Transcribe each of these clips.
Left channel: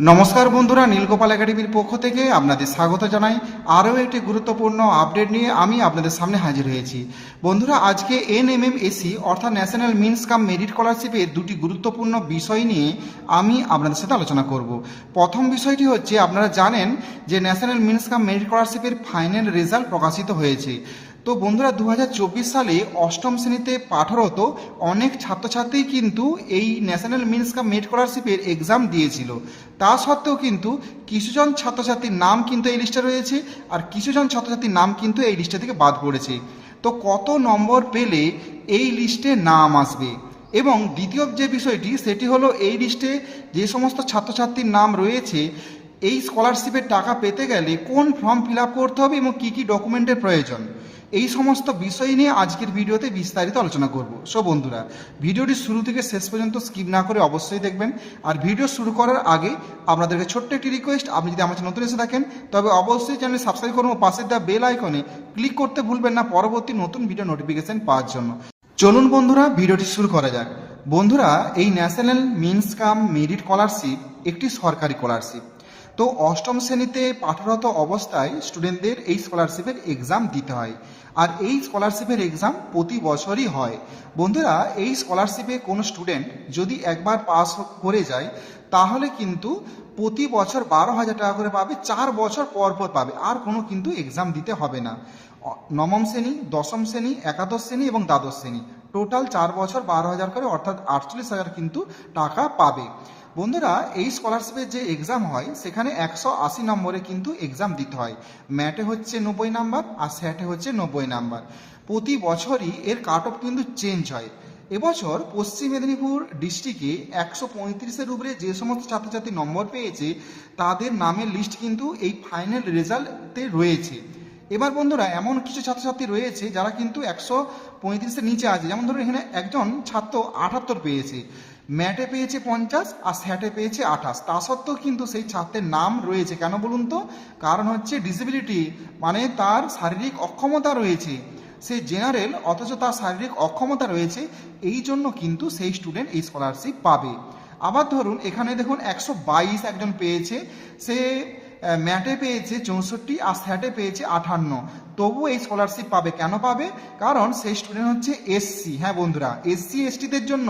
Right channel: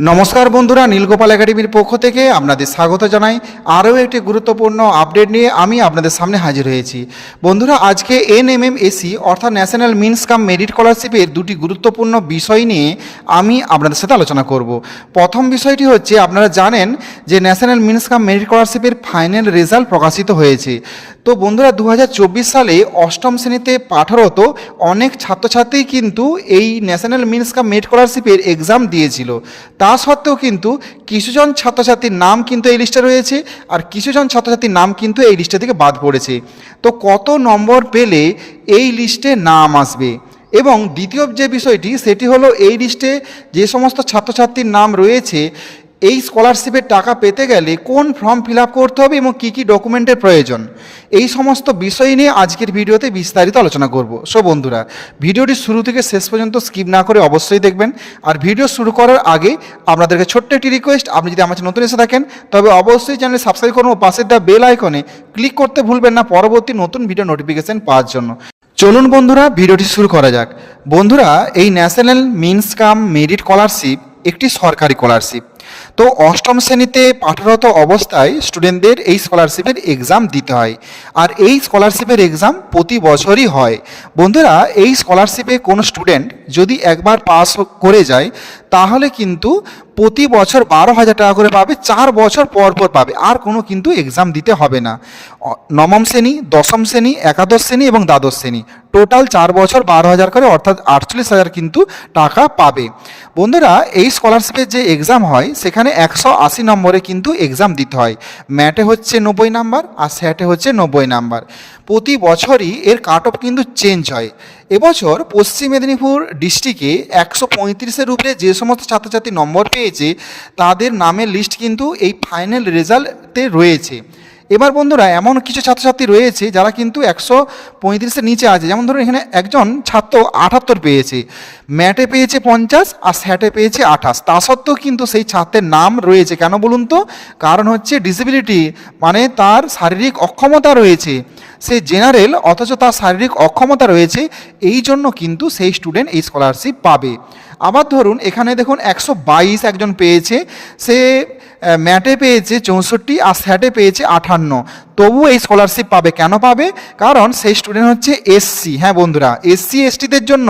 নমস্কার বন্ধুরা, নীলগোপাল একাডেমির পক্ষ থেকে আপনাদের স্বাগত জানাই। আরও একটি গুরুত্বপূর্ণ আপডেট নিয়ে আমি আপনাদের সামনে হাজির হয়েছি। বন্ধুরা, আজকে এনএমএমএসি অর্থাৎ ন্যাশনাল মিনস কাম মেরিট স্কলারশিপের দুটি গুরুত্বপূর্ণ বিষয় নিয়ে আমি আপনাদের সাথে আলোচনা করব। প্রথম বিষয়টি হচ্ছে, আপনারা জানেন যে ন্যাশনাল মিনস কাম মেরিট স্কলারশিপের ফাইনাল রেজাল্ট প্রকাশিত হয়েছে। তো বন্ধুরা দু হাজার চব্বিশ সালে অষ্টম শ্রেণীতে পাঠরত অনেক ছাত্রছাত্রী কিন্তু এই ন্যাশনাল মিনস কাপ মেরিট স্কলারশিপের এক্সাম দিয়েছিল। তা সত্ত্বেও কিন্তু কিছুজন ছাত্রছাত্রীর নাম কিন্তু এই লিস্টে রয়েছে আর কিছুজন ছাত্রছাত্রীর নাম কিন্তু এই লিস্টে থেকে বাদ পড়েছে। তো কত নম্বর পেলে এই লিস্টে নাম আসবে? এবং দ্বিতীয় যে বিষয়টি, সেটি হলো এই লিস্টে যে সমস্ত ছাত্রছাত্রীর নাম রয়েছে এই স্কলারশিপের টাকা পেতে গেলে কোন ফর্ম ফিল করতে হবে এবং কী কী ডকুমেন্টের প্রয়োজন? এই সমস্ত বিষয় নিয়ে আজকের ভিডিওতে বিস্তারিত আলোচনা করব। সো বন্ধুরা, ভিডিওটি শুরু থেকে শেষ পর্যন্ত স্কিপ না করে অবশ্যই দেখবেন। আর ভিডিও শুরু করার আগে আপনাদেরকে ছোট্ট একটি রিকোয়েস্ট আপনি যদি আমার নতুন এসে থাকেন, তবে অবশ্যই চ্যানেল সাবস্ক্রাইব করুন ও পাশের দেওয়া বেল আইকনে ক্লিক করতে ভুলবেন না পরবর্তী নতুন ভিডিও নোটিফিকেশন পাওয়ার জন্য। চলুন, বন্ধুরা, ভিডিওটি শুরু করা যাক। বন্ধুরা, এই National Means cum Merit scholarship একটি সরকারি স্কলারশিপ তো অষ্টম শ্রেণীতে পাঠরত অবস্থায় স্টুডেন্টদের এই স্কলারশিপের এক্সাম দিতে হয়। আর এই স্কলারশিপের এক্সাম প্রতি বছরই হয়। বন্ধুরা, এই স্কলারশিপে কোনো স্টুডেন্ট যদি একবার পাস করে যায়, তাহলে কিন্তু প্রতি বছর বারো হাজার টাকা করে পাবে, চার বছর পর পর পাবে। আর কোনো কিন্তু এক্সাম দিতে হবে না। নবম শ্রেণি, দশম শ্রেণি, একাদশ শ্রেণি এবং দ্বাদশ শ্রেণি। টোটাল চার বছর বারো হাজার করে, অর্থাৎ আটচল্লিশ হাজার কিন্তু টাকা পাবে। বন্ধুরা, এই স্কলারশিপের যে এক্সাম হয়, সেখানে একশো আশি নম্বরে কিন্তু এক্সাম দিতে হয়। ম্যাটে হচ্ছে নব্বই নাম্বার আর স্যাটে হচ্ছে নব্বই নাম্বার। প্রতি বছরই এর কাট অফ কিন্তু চেঞ্জ হয়। এবছর পশ্চিম মেদিনীপুর ডিস্ট্রিক্টে একশো পঁয়ত্রিশের উপরে যে সমস্ত ছাত্রছাত্রী নম্বর পেয়েছে, তাদের নামের লিস্ট কিন্তু এই ফাইনাল রেজাল্টে রয়েছে। এবার বন্ধুরা, এমন কিছু ছাত্রছাত্রী রয়েছে যারা কিন্তু একশো পঁয়ত্রিশের নিচে আছে। যেমন ধরুন, এখানে একজন ছাত্র আটাত্তর পেয়েছে। ম্যাটে পেয়েছে পঞ্চাশ আর স্যাটে পেয়েছে আঠাশ। তা সত্ত্বেও কিন্তু সেই ছাত্রের নাম রয়েছে। কেন বলুন তো? কারণ হচ্ছে ডিসেবিলিটি মানে তার শারীরিক অক্ষমতা রয়েছে। সে জেনারেল অথচ তার শারীরিক অক্ষমতা রয়েছে। এই জন্য কিন্তু সেই স্টুডেন্ট এই স্কলারশিপ পাবে। আবার ধরুন, এখানে দেখুন একশো বাইশ একজন পেয়েছে, সে ম্যাটে পেয়েছে চৌষট্টি আর স্যাটে পেয়েছে আঠান্ন। তবু এই স্কলারশিপ পাবে। কেন পাবে? কারণ সেই স্টুডেন্ট হচ্ছে এসসি হ্যাঁ বন্ধুরা এসসি এসটিদের জন্য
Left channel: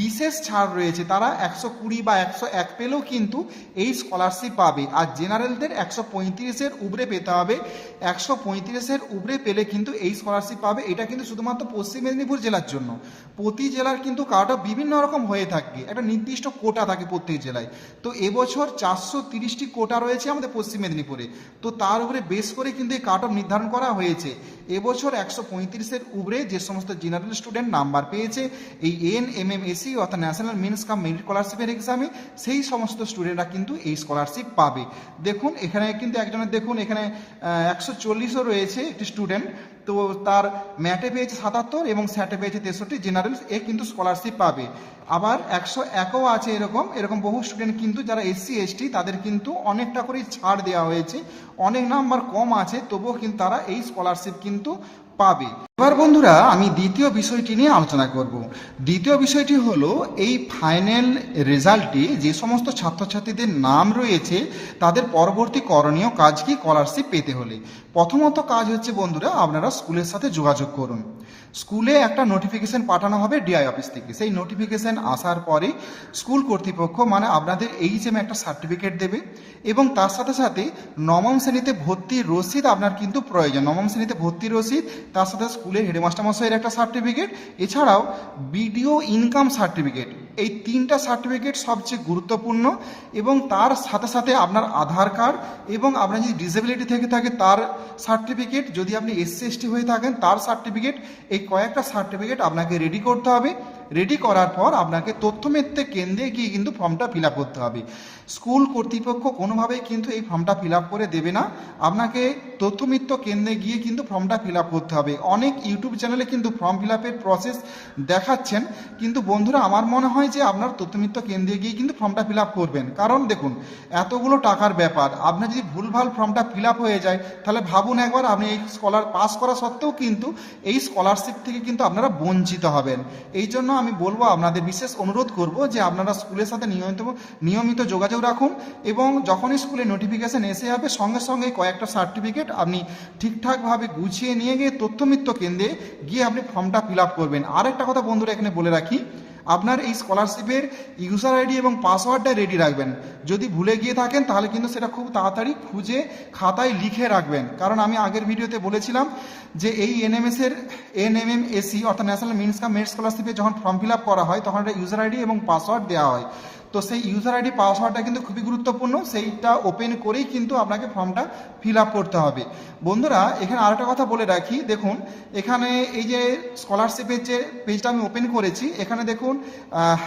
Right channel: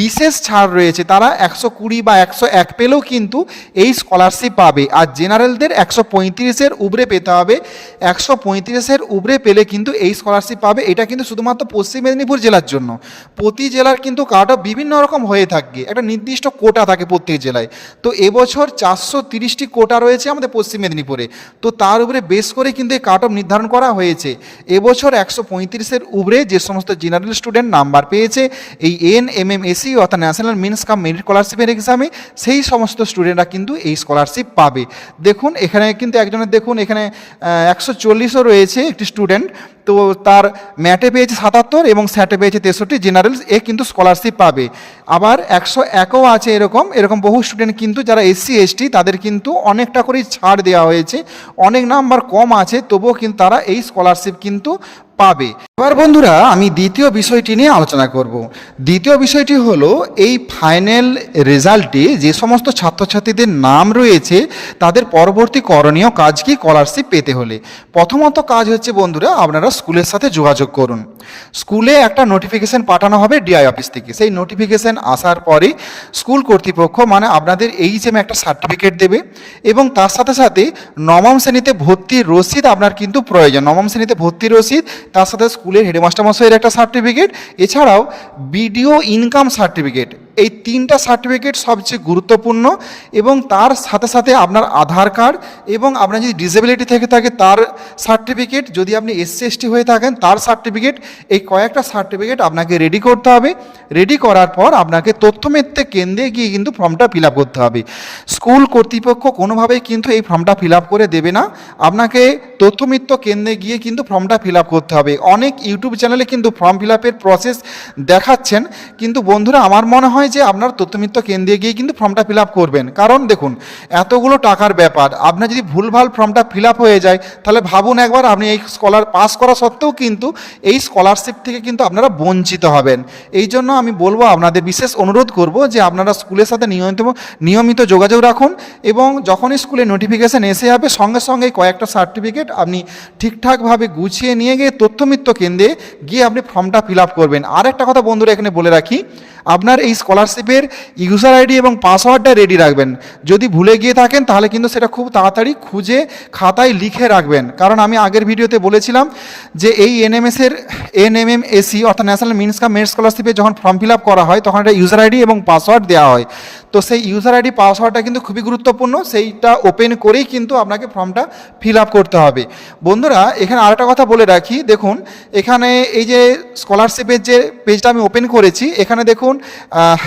বিশেষ ছাড় রয়েছে। তারা একশো কুড়ি বা একশো এক পেলেও কিন্তু এই স্কলারশিপ পাবে। আর জেনারেলদের একশো পঁয়ত্রিশের উপরে পেতে হবে। একশো পঁয়ত্রিশের উপরে পেলে কিন্তু এই স্কলারশিপ পাবে। এটা কিন্তু শুধুমাত্র পশ্চিম মেদিনীপুর জেলার জন্য। প্রতি জেলার কিন্তু অফ বিভিন্ন রকম হয়ে থাকে একটা নির্দিষ্ট কোটা থাকে প্রত্যেক জেলায়। তো এবছর চারশো তিরিশটি কোটা রয়েছে আমাদের পশ্চিম মেদিনীপুরে। তো তার উপরে বেশ করে কিন্তু এই কাট অফ নির্ধারণ করা হয়েছে। এবছর একশো পঁয়ত্রিশের উপরে যে সমস্ত জেনারেল স্টুডেন্ট নাম্বার পেয়েছে, এই এন এম এম এসি অর্থাৎ ন্যাশনাল মিনস কাম মেরিট স্কলারশিপের এক্সামে, সেই সমস্ত স্টুডেন্টরা কিন্তু এই স্কলারশিপ পাবে। দেখুন, এখানে কিন্তু একজনের, দেখুন, এখানে একশো চল্লিশও রয়েছে একটি স্টুডেন্ট। তো তার ম্যাটে পেয়েছে সাতাত্তর এবং স্যাটে পেয়েছে তেষট্টি জেনারেল এ কিন্তু স্কলারশিপ পাবে। আবার একশো একও আছে এরকম এরকম বহু স্টুডেন্ট কিন্তু যারা এসসি এসটি তাদের কিন্তু অনেকটা করেই ছাড় দেওয়া হয়েছে। অনেক নাম্বার কম আছে, তবুও কিন্তু তারা এই স্কলারশিপ কিন্তু পাবে। এবার বন্ধুরা, আমি দ্বিতীয় বিষয়টি নিয়ে আলোচনা করব। দ্বিতীয় বিষয়টি হলো, এই ফাইনাল রেজাল্টে যে সমস্ত ছাত্রছাত্রীদের নাম রয়েছে, তাদের পরবর্তী করণীয় কাজ কি? স্কলারশিপ পেতে হলে। প্রথমত কাজ হচ্ছে বন্ধুরা, আপনারা স্কুলের সাথে যোগাযোগ করুন। স্কুলে একটা নোটিফিকেশন পাঠানো হবে ডিআই অফিস থেকে। সেই নোটিফিকেশন আসার পরে স্কুল কর্তৃপক্ষ মানে আপনাদের এইচএম একটা সার্টিফিকেট দেবে এবং তার সাথে সাথে নবম শ্রেণীতে ভর্তির রসিদ আপনার কিন্তু প্রয়োজন। নবম শ্রেণীতে ভর্তির রসিদ তার সাথে স্কুলের হেডমাস্টার মশাইয়ের একটা সার্টিফিকেট এছাড়াও বিডিও ইনকাম সার্টিফিকেট এই তিনটা সার্টিফিকেট সবচেয়ে গুরুত্বপূর্ণ এবং তার সাথে সাথে আপনার আধার কার্ড এবং আপনার যদি ডিসেবিলিটি থেকে থাকে তার সার্টিফিকেট যদি আপনি এসসি এসটি হয়ে থাকেন তার সার্টিফিকেট এই কয়েকটা সার্টিফিকেট আপনাকে রেডি করতে হবে। রেডি করার পর আপনাকে তথ্যমেত্রে কেন্দ্রে গিয়ে কিন্তু ফর্মটা ফিল করতে হবে। স্কুল কর্তৃপক্ষ কোনোভাবেই কিন্তু এই ফর্মটা ফিল করে দেবে না। আপনাকে তথ্যমিত্র কেন্দ্রে গিয়ে কিন্তু ফর্মটা ফিল করতে হবে। অনেক ইউটিউব চ্যানেলে কিন্তু ফর্ম ফিল প্রসেস দেখাচ্ছেন। কিন্তু বন্ধুরা, আমার মনে হয় যে আপনার তথ্যমিত্র কেন্দ্রে গিয়ে কিন্তু ফর্মটা ফিল আপ করবেন। কারণ দেখুন, এতগুলো টাকার ব্যাপার আপনার যদি ভুলভাল ফর্মটা ফিল আপ হয়ে যায়, তাহলে ভাবুন একবার আপনি এই স্কলার পাস করা সত্ত্বেও কিন্তু এই স্কলারশিপ থেকে কিন্তু আপনারা বঞ্চিত হবেন। এই জন্য আমি বলব, আপনাদের বিশেষ অনুরোধ করব যে আপনারা স্কুলের সাথে নিয়মিত নিয়মিত যোগাযোগ রাখুন এবং যখনই স্কুলে নোটিফিকেশান এসে যাবে, সঙ্গে সঙ্গে কয়েকটা সার্টিফিকেট আপনি ঠিকঠাকভাবে গুছিয়ে নিয়ে গিয়ে তথ্যমিত্র কেন্দ্রে গিয়ে আপনি ফর্মটা ফিল আপ করবেন। আর একটা কথা বন্ধুরা এখানে বলে রাখি, আপনার এই স্কলারশিপের ইউজার আইডি এবং পাসওয়ার্ডটা রেডি রাখবেন। যদি ভুলে গিয়ে থাকেন, তাহলে কিন্তু সেটা খুব তাড়াতাড়ি খুঁজে খাতায় লিখে রাখবেন। কারণ আমি আগের ভিডিওতে বলেছিলাম যে এই এনএমএসের এনএমএম এসি অর্থাৎ ন্যাশনাল মিনস কাম মেরিট স্কলারশিপে যখন ফর্ম ফিল আপ করা হয়, তখন একটা ইউজার আইডি এবং পাসওয়ার্ড দেওয়া হয়। তো সেই ইউজার আইডি, পাসওয়ার্ডটা কিন্তু খুবই গুরুত্বপূর্ণ। সেইটা ওপেন করেই কিন্তু আপনাকে ফর্মটা ফিল আপ করতে হবে। বন্ধুরা, এখানে আরেকটা কথা বলে রাখি। দেখুন, এখানে এই যে স্কলারশিপের যে পেজটা আমি ওপেন করেছি, এখানে দেখুন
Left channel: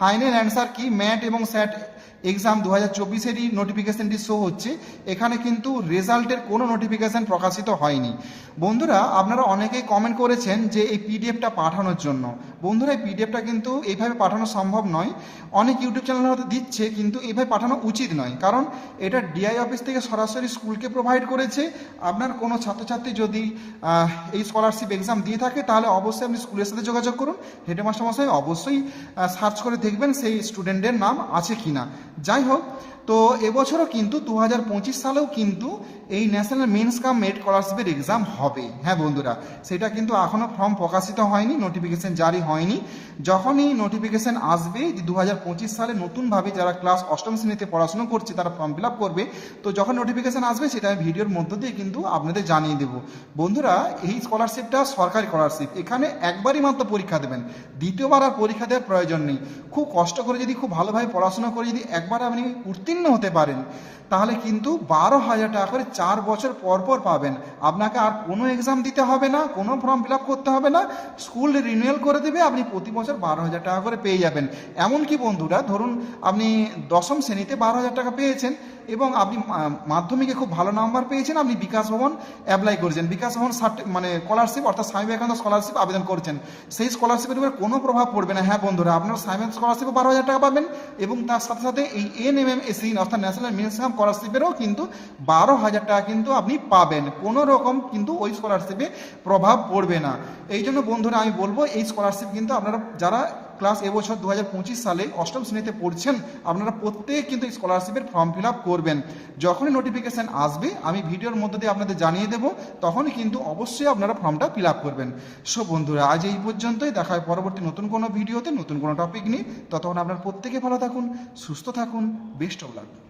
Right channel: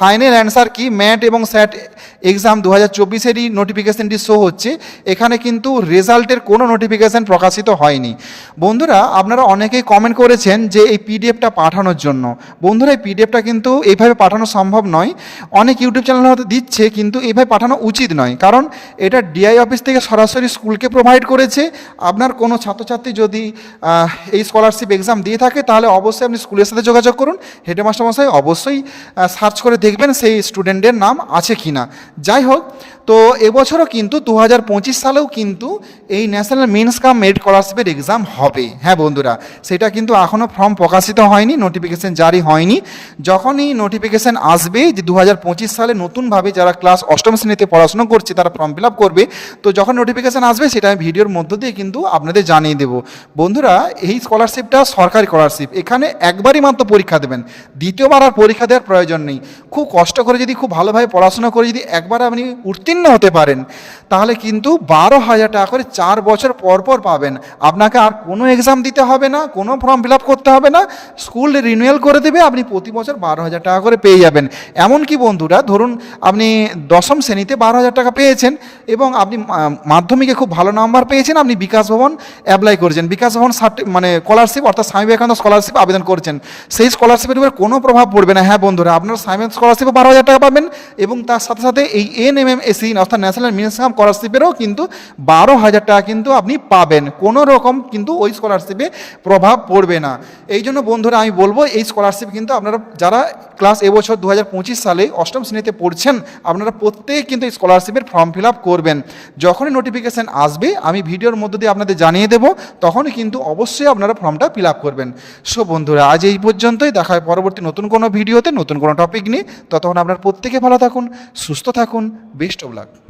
ফাইনাল অ্যান্সার কি? ম্যাট এবং স্যাট এক্সাম দু হাজার চব্বিশেরই নোটিফিকেশানটি শো হচ্ছে। এখানে কিন্তু রেজাল্টের কোনো নোটিফিকেশান প্রকাশিত হয়নি। বন্ধুরা, আপনারা অনেকেই কমেন্ট করেছেন যে এই পিডিএফটা পাঠানোর জন্য। বন্ধুরা, এই পিডিএফটা কিন্তু এইভাবে পাঠানো সম্ভব নয়। অনেক ইউটিউব চ্যানেল হয়তো দিচ্ছে, কিন্তু এইভাবে পাঠানো উচিত নয়। কারণ এটা ডিআই অফিস থেকে সরাসরি স্কুলকে প্রোভাইড করেছে। আপনার কোনো ছাত্রছাত্রী যদি এই স্কলারশিপ এক্সাম দিয়ে থাকে, তাহলে অবশ্যই আপনি স্কুলের সাথে যোগাযোগ করুন। হেডমাস্টার মশাই অবশ্যই সার্চ করে দেখবেন সেই স্টুডেন্টের নাম আছে কি না যাই হোক তো এবছরও কিন্তু দু হাজার পঁচিশ সালেও কিন্তু এই ন্যাশনাল মেন্স কাম মেরিট স্কলারশিপের এক্সাম হবে। হ্যাঁ বন্ধুরা, সেটা কিন্তু এখনও ফর্ম প্রকাশিত হয়নি নোটিফিকেশন জারি হয়নি। যখনই নোটিফিকেশন আসবে যে দু হাজার পঁচিশ সালে নতুনভাবে যারা ক্লাস অষ্টম শ্রেণীতে পড়াশোনা করছে, তারা ফর্ম ফিল আপ করবে, তো যখন নোটিফিকেশন আসবে, সেটা আমি ভিডিওর মধ্য দিয়ে কিন্তু আপনাদের জানিয়ে দেবো। বন্ধুরা, এই স্কলারশিপটা সরকারি স্কলারশিপ এখানে একবারই মাত্র পরীক্ষা দেবেন। দ্বিতীয়বার আর পরীক্ষা দেওয়ার প্রয়োজন নেই। খুব কষ্ট করে যদি খুব ভালোভাবে পড়াশোনা করে যদি একবার আপনি উত্তীর্ণ হতে পারেন। তাহলে কিন্তু বারো হাজার টাকা করে চার বছর পর পর পাবেন। আপনাকে আর কোনো এক্সাম দিতে হবে না, কোনো ফর্ম ফিল আপ করতে হবে না। স্কুল রিনিউয়াল করে দেবে, আপনি প্রতি বছর বারো হাজার টাকা করে পেয়ে যাবেন। এমনকি বন্ধুরা, ধরুন আপনি দশম শ্রেণীতে বারো হাজার টাকা পেয়েছেন এবং আপনি মাধ্যমিকে খুব ভালো নাম্বার পেয়েছেন, আপনি বিকাশ ভবন অ্যাপ্লাই করেছেন। বিকাশ ভবন মানে স্কলারশিপ অর্থাৎ স্বামী বিবেকানন্দ স্কলারশিপ আবেদন করেছেন। সেই স্কলারশিপের উপর কোনো প্রভাব পড়বে না। হ্যাঁ বন্ধুরা, আপনার স্বামী স্কলারশিপে বারো হাজার টাকা পাবেন এবং তার সাথে সাথে এই এন এম এম এসি অর্থাৎ ন্যাশনাল মিনিমাম স্কলারশিপেরও কিন্তু বারো হাজার টাকা কিন্তু আপনি পাবেন। কোনো রকম কিন্তু ওই স্কলারশিপে প্রভাব পড়বে না। এই জন্য বন্ধুরা আমি বলব, এই স্কলারশিপ কিন্তু আপনারা যারা ক্লাস এবছর দু হাজার পঁচিশ সালে অষ্টম শ্রেণীতে পড়ছেন, আপনারা প্রত্যেকে কিন্তু এই স্কলারশিপের ফর্ম ফিল আপ করবেন। যখনই নোটিফিকেশান আসবে, আমি ভিডিওর মধ্য দিয়ে আপনাদের জানিয়ে দেবো, তখনই কিন্তু অবশ্যই আপনারা ফর্মটা ফিল আপ করবেন। সো বন্ধুরা, আজ এই পর্যন্তই। দেখা হয় পরবর্তী নতুন কোনো ভিডিওতে, নতুন কোনো টপিক নিয়ে। ততক্ষণ আপনার প্রত্যেকে ভালো থাকুন, সুস্থ থাকুন বেস্ট অফ লাক